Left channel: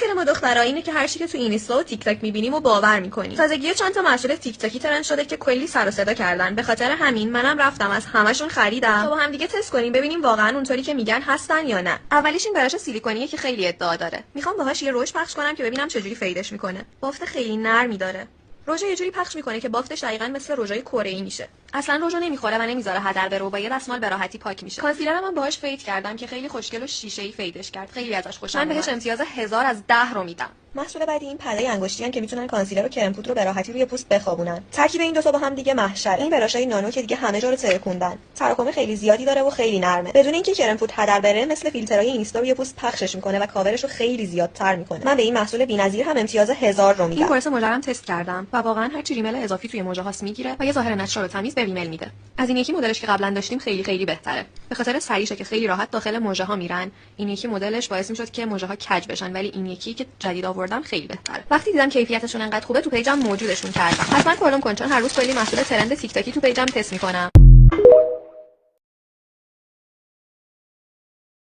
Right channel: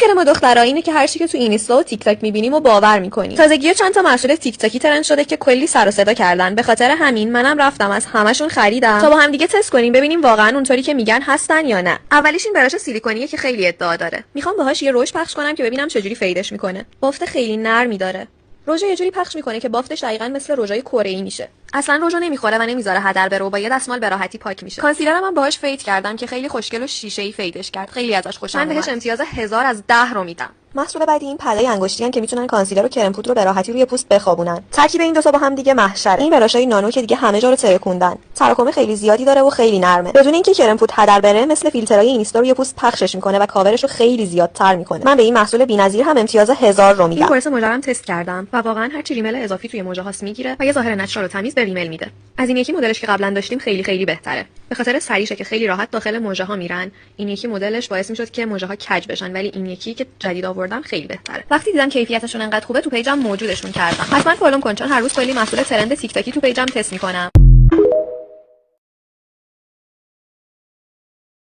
مشکل ما دخترها اینه که هر چی که تو اینستا و تیک تاک می‌بینیم و باور می‌کنیم. تازگی چند تا محصول تیک تاکی ترند شده که کلی سر و صدا کردن. به خاطر همین منم رفتم از همشون خریدم تا با هم دیگه تست کنیم ببینیم واقعا اونطوری که میگن هستن یا نه. اولیش این براش سیلیکونیه که خیلی ادعا داره. میخوام باهاش یه روش پخش کنم که ببینم چجوری فیدش میکنه. بافت خیلی نرمی داره. روژه یه جوری پخش میکنه که بافتش دقیقاً مثل روژای کره‌ای میشه. اصلا روژو نمیخوره و نمیذاره هدر بره و با یه دستمال به راحتی پاک میشه. کانسیلرم من باهاش فید کردم که خیلی خوشگل و شیشه‌ای فیدش کرد. خیلی ازش خوشم اومد. من بهش امتیاز 1000 از 10 رو میدم. محصول بعدی این پله‌ی انگشتی که میتونن کانسیلر و کرم پودر رو به راحتی روی پوست بخوابونن. ترکیب این دو تا با هم دیگه محشر. این براشای نانو که دیگه همه جا رو ترکوندن. تراکم خیلی زیادی داره و خیلی نرمه. بدون اینکه کرم پودر هدر بره مثل فیلترهای اینستا روی پوست پخشش میکنه و کاورش رو خیلی زیادتر میکنه. من به این محصول بی‌نظیر هم امتیاز 1000 رو میدم. این کورس مدرم تست کردم و واقعا هر چی ریمل اضافی توی موجه هاست میگیره و یه ظاهر نچرال و تمیز به ریمل میده. از این یکی مدلش که قبلا داشتیم خیلی بهتره. به خاطر سریشه که خیلی راحت داخل موجه ها میرن. این یکی مدلش باعث میشد که موجه ها کج بشن ولی این یکی که جدید آوردم خیلی بهتره. وقتی دیدم کیفیتشون انقدر خوبه تو پیجم موجودشون کردم. حتما فالو کن چون هر روز کلی محصول ترند تیک تاکی تو پیجم تست میکنم.